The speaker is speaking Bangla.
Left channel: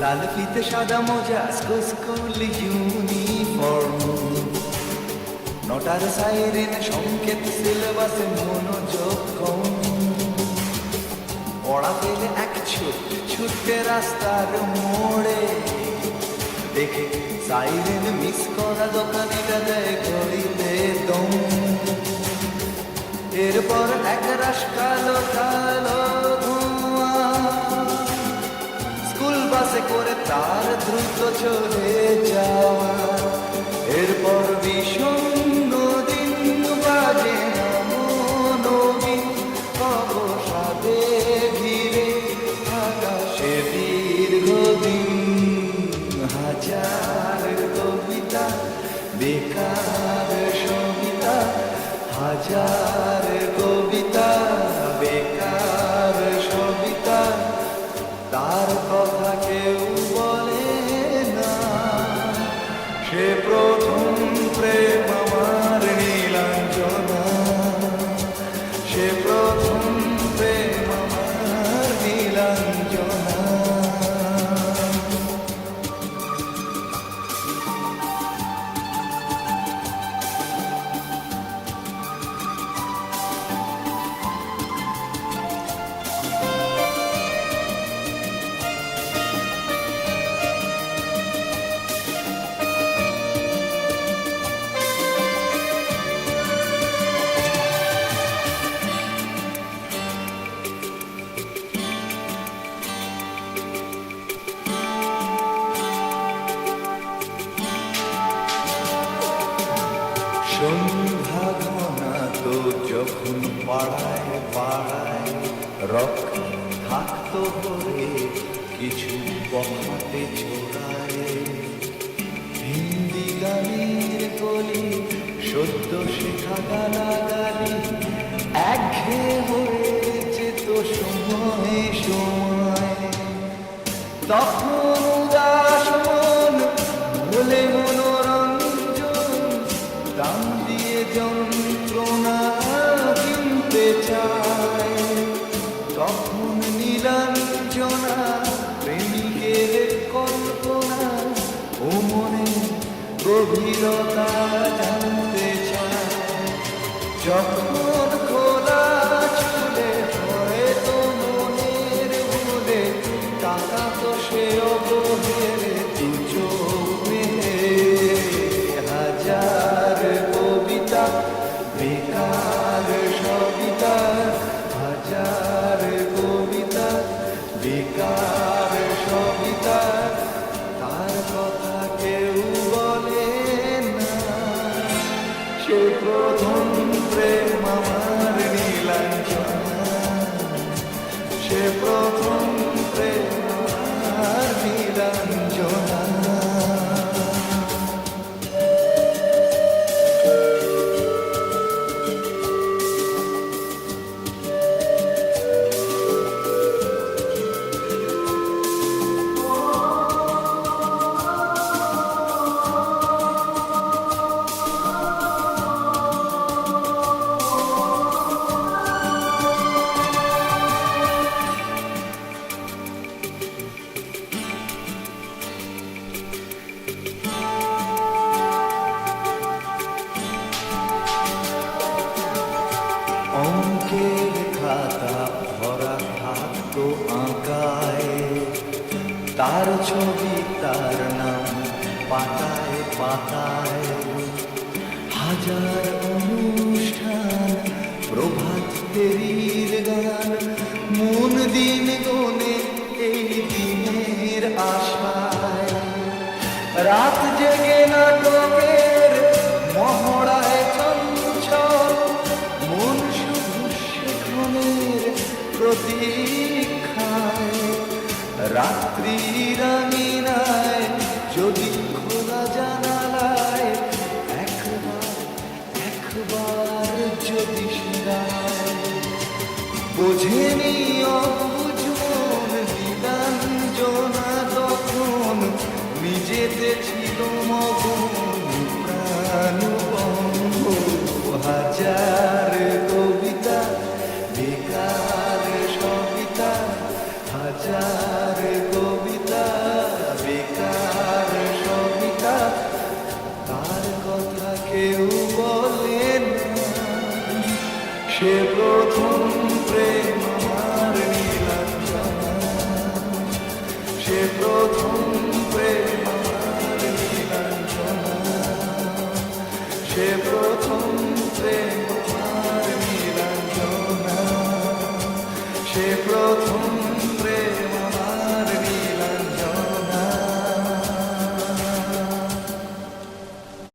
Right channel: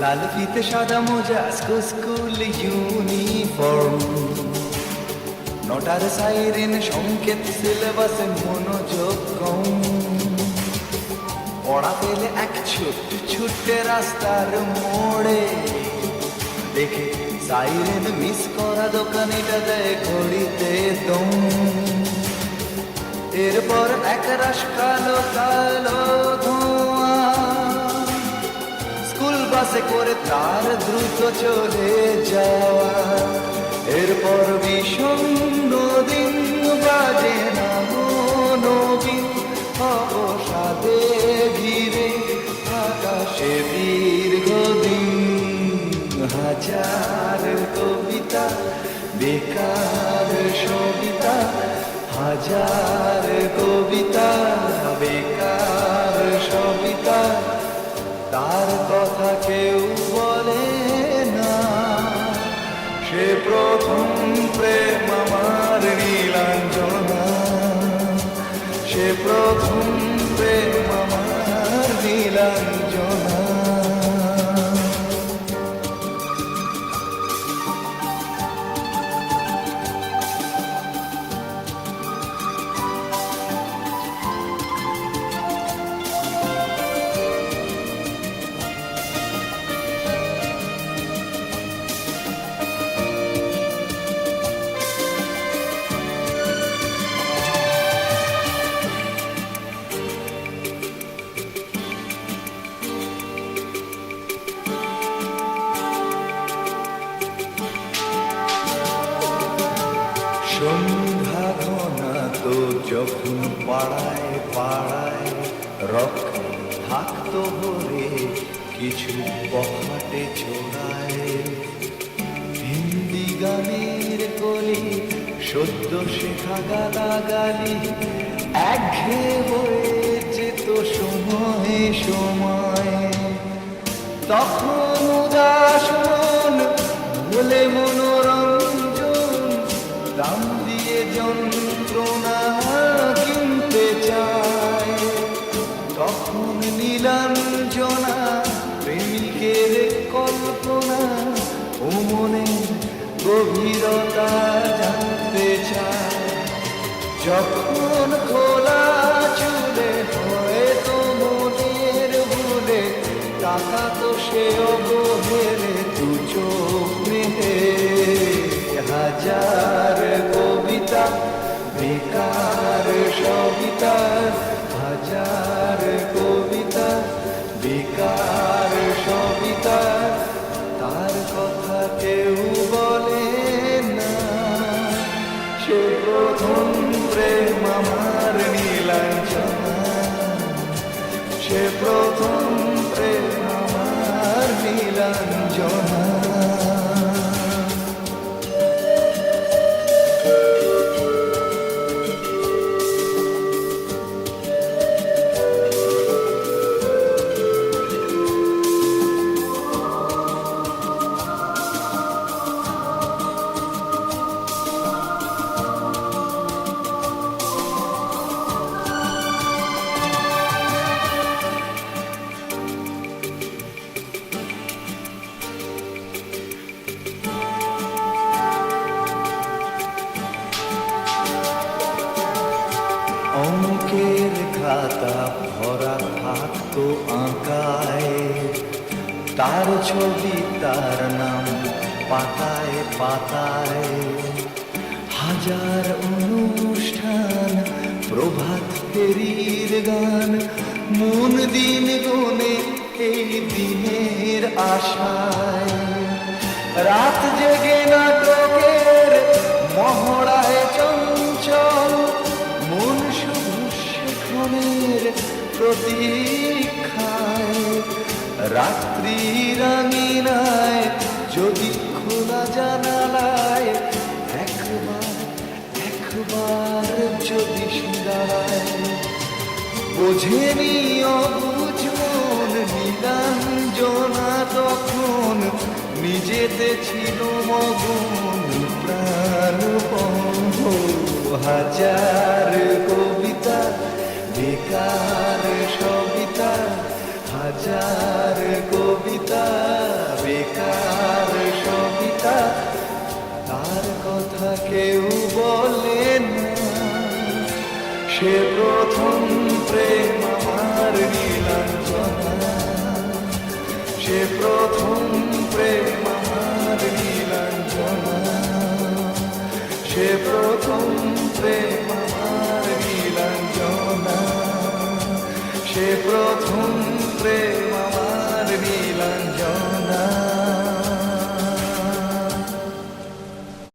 লাল ফিতে সাদা মোজা স্কুল ইউনিফর্ম, নটার সাইরেন সংকেত সিলেবাসে মনোযোগ কম। পড়া পেলে এক ছুটে রাস্তার মোড়ে, দেখে সাইরেন মিস করা দোকানিটা দেয় ঘড়িতে দম। এরপর এক রাশ কালো কালো ধোঁয়া স্কুল বাসে করে তার দ্রুত চলে যাওয়া। এরপর বিষণ্ণ দিন বাজে না নবীন অবসাদে ঘিরে আকাশে দীর্ঘদিন। হাজার কবিতা বেকার সবিতা, হাজার কবিতা বেকার সবিতা, তার কথা কেউ বলে না। সে প্রথম প্রেম আমার নীলাঞ্জনা, সে প্রথম প্রেম আমার নীলাঞ্জনা। সন্ধ্যা ঘনা তো যখন পাড়ায় পাড়ায় রক থাকতো ভরে কিছু বখাটে ছোড়ায়। হিন্দি গানের কলি সদ্য শেখা গালাগালি একঘেয়ে হয়ে যেত সময়ে সময়। তখন উদাস মন বলে মনোরঞ্জন, দাম দিয়ে যন্ত্রণা কিনতে চায়। তখন নীলাঞ্জনা প্রেমিকের কল্পনা ও মনের গভীরতা জানতে চায়। যখন খোলা চুলে হয়তো মনের ভুলে টাকা তো সে অবহেলে দু চোখ মেলে। হাজার কবিতা বেকার সবিতা, হাজার কবিতা বেকার সবিতা, তার কথা কেউ বলে না। সে প্রথম প্রেম আমার নীলাঞ্জনা, সে প্রথম প্রেম আমার নীলাঞ্জনা। অঙ্কের খাতা ভরা থাকতো আঁকায়, তার ছবি তার নাম পাতায় পাতায়। হাজার অনুষ্ঠান প্রভাত ফেরির গান, মন দিন গনে এই দিনের আশায়। রাত জেগে নাটকের মহড়ায় চঞ্চল, মন শুধু সেখানের প্রতীক্ষায়। রাত্রি রাঙিনায় যদি খোলা জানালায় একবার একবার যদি সে দাঁড়ায়। বোঝেনি অবুঝ মন নীলাঞ্জনা তখন, নিজেতে ছিল মগন প্রাণপণ। হাজার কবিতা বেকার সবিতা, হাজার কবিতা বেকার সবিতা, তার কথা কেউ বলে না। সে প্রথম প্রেম আমার নীলাঞ্জনা, সে প্রথম প্রেম আমার নীলাঞ্জনা, সে প্রথম প্রেম আমার নীলাঞ্জনা, সে প্রথম প্রেম